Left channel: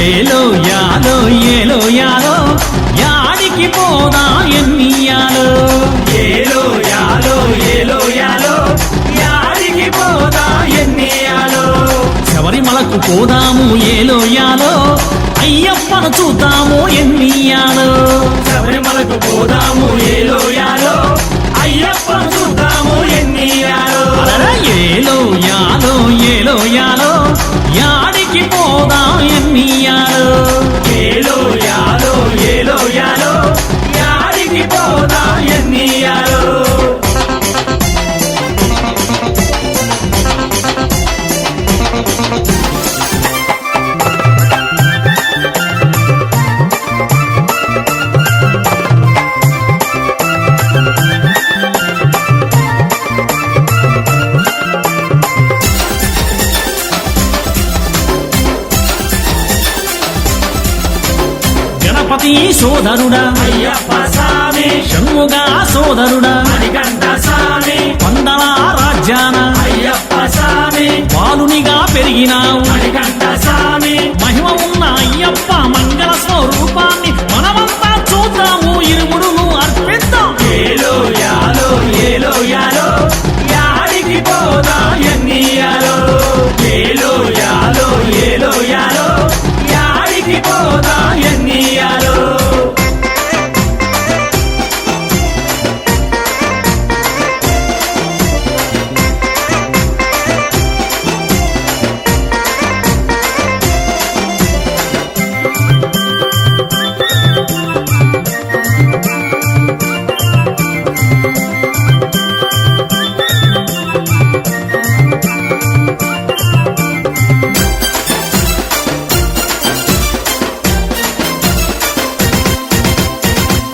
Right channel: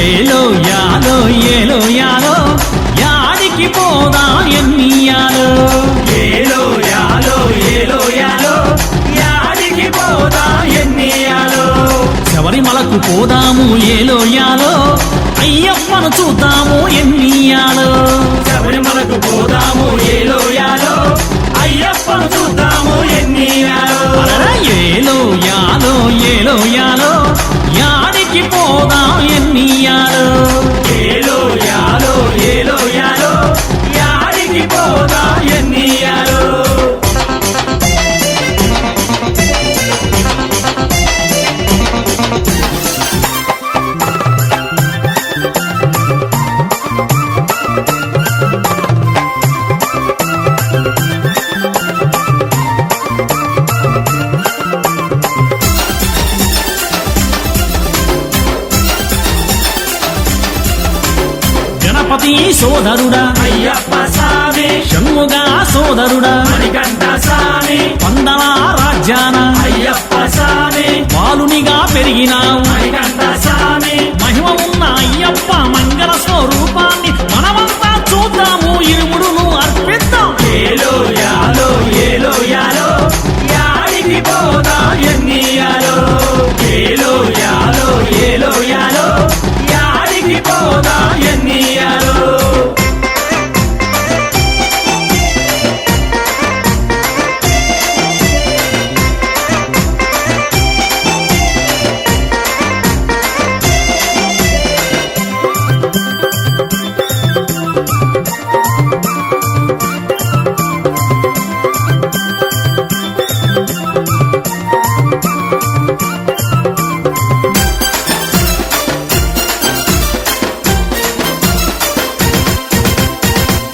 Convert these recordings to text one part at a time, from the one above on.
ఏలో యాలో ఏలో యాలో యాడికి పోదా ఎన్నియాలో ఏలో యాలో ఏలో యాలో యాడికి పోదా ఎన్నియాలో శబరిమలకు పోదాము ఏలో యాలో అయ్యప్పను చూద్దాము ఎన్నియాలో శబరిమలకు పోదాము ఏలో యాలో అయ్యప్పను చూద్దాము ఎన్నియాలో అలరా ఏలో యాలో ఏలో యాలో యాడికి పోదా ఎన్నియాలో ఏలో యాలో ఏలో యాలో యాడికి పోదా ఎన్నియాలో గణపతి సోదరుడా అయ్యప్ప స్వామి షణ్ముగా సోదరుడా మణికంఠ స్వామి పందల రాజ్యాన అయ్యప్ప స్వామి బాలునిగా పెరిగినావు మణికంఠ స్వామి మహిమ ఉన్న అయ్యప్ప మంగళ స్వరూపాన్ని మనమంతా చూద్దాము ఇరుముడును అర్పిద్దాం ఏలో యాలో ఏలో యాలో యాడికి పోదా ఎన్నియాలో ఏలో యాలో ఏలో యాలో యాడికి పోదా ఎన్నియాలో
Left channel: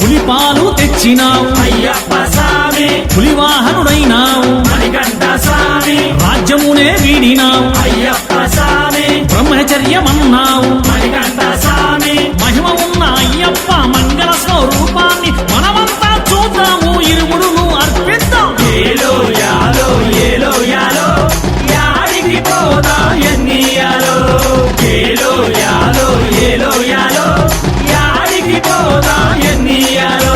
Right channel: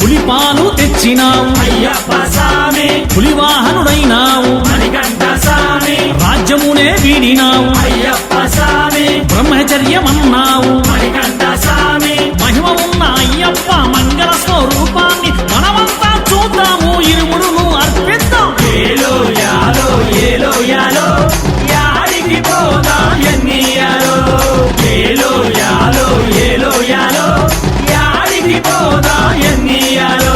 పులిపాలు తెచ్చినావు అయ్యప్ప స్వామి పులివాహనుడైనావు మణికంఠ స్వామి రాజ్యమునే వీడినావు అయ్యప్ప స్వామి బ్రహ్మచర్యమన్నావు మణికంఠ స్వామి మహిమ ఉన్న అయ్యప్ప మంగళ స్వరూపాన్ని మనమంతా చూద్దాము ఇరుముడును అర్పిద్దాం ఏలో యాలో ఏలో యాలో యాడికి పోదా ఎన్నియాలో ఏలో యాలో ఏలో యాలో యాడికి పోదా ఎన్నియాలో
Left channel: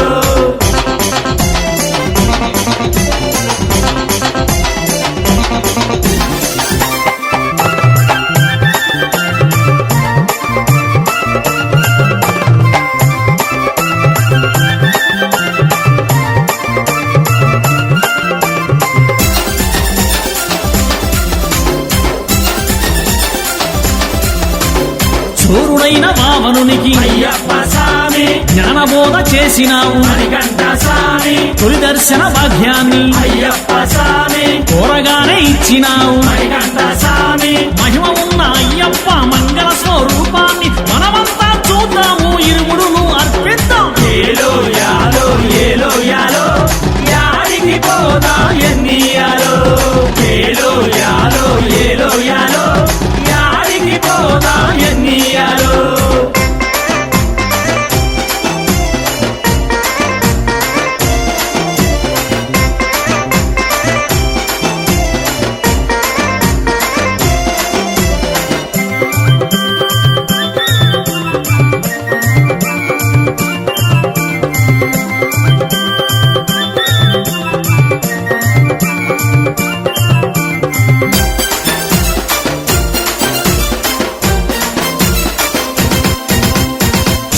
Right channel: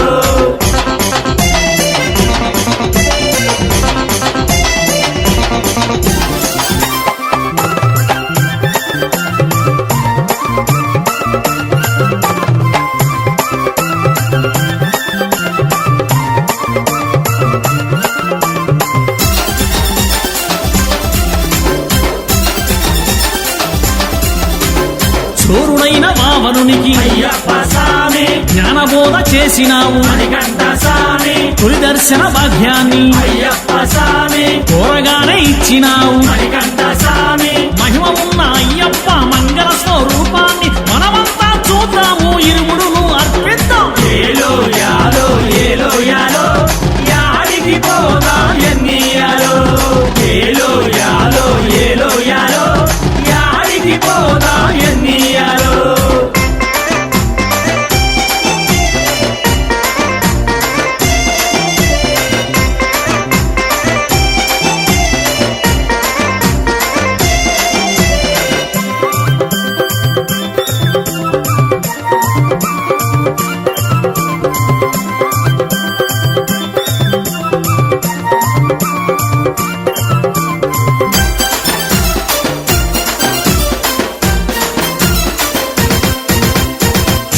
చోరుడైన వావనునికి అయ్యప్ప స్వామి జ్ఞానబోధ చేసినావు మణికంఠ స్వామి తొలి దర్శన భాగ్యాన్ని అయ్యప్ప స్వామి కోరగానే ఇచ్చినావు మణికంఠ స్వామి మహిమ ఉన్న అయ్యప్ప మంగళ స్వరూపాన్ని మనమంతా చూద్దాము ఇరుముడును అర్పిద్దాం ఏలో యాలో ఏలో యాలో యాడికి పోదా ఎన్నియాలో ఏలో యాలో ఏలో యాలో యాడికి పోదా ఎన్నియాలో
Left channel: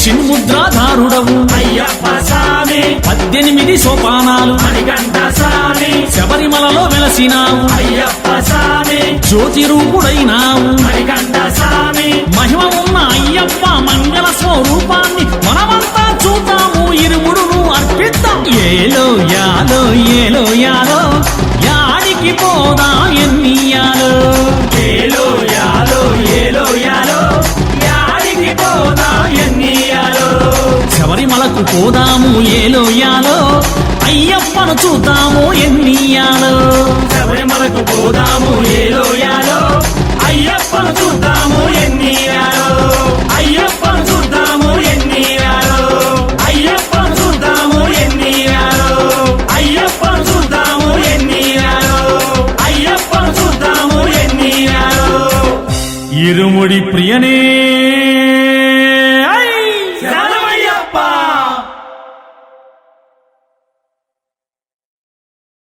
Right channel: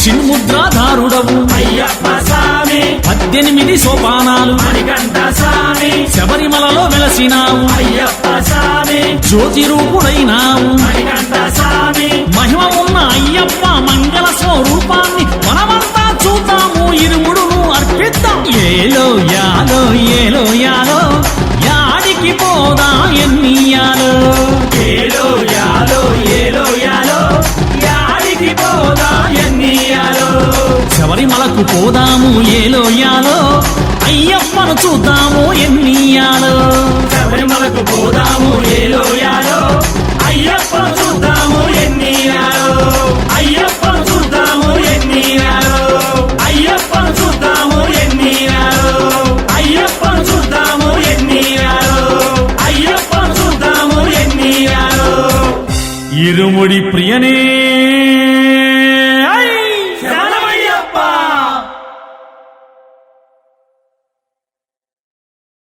చిన్ముద్రాధారుడవు అయ్యప్ప స్వామి 18 సోపానాలు మణికంఠ స్వామి శబరిమలలో వెలసినావు అయ్యప్ప స్వామి జ్యోతి రూపుడైనావు మణికంఠ స్వామి మహిమ ఉన్న అయ్యప్ప మంగళ స్వరూపాన్ని మనమంతా చూద్దాము ఇరుముడును అర్పిద్దాం ఏలో యాలో ఏలో యాలో యాడికి పోదా ఎన్నియాలో ఏలో యాలో ఏలో యాలో యాడికి పోదా ఎన్నియాలో శబరిమలకు పోదాము ఏలో యాలో అయ్యప్పను చూద్దాము ఎన్నియాలో శబరిమలకు పోదాము ఏలో యాలో అయ్యప్పను చూద్దాము ఎన్నియాలో అయ్యప్పను చూద్దాము ఎన్నియాలో అయ్యప్పను చూద్దాము ఎన్నియాలో అయ్యప్పను చూద్దాము ఎన్నియాలో అయ్యప్పను చూద్దాము ఎన్నియాలో ఇరుముడి ప్రియనే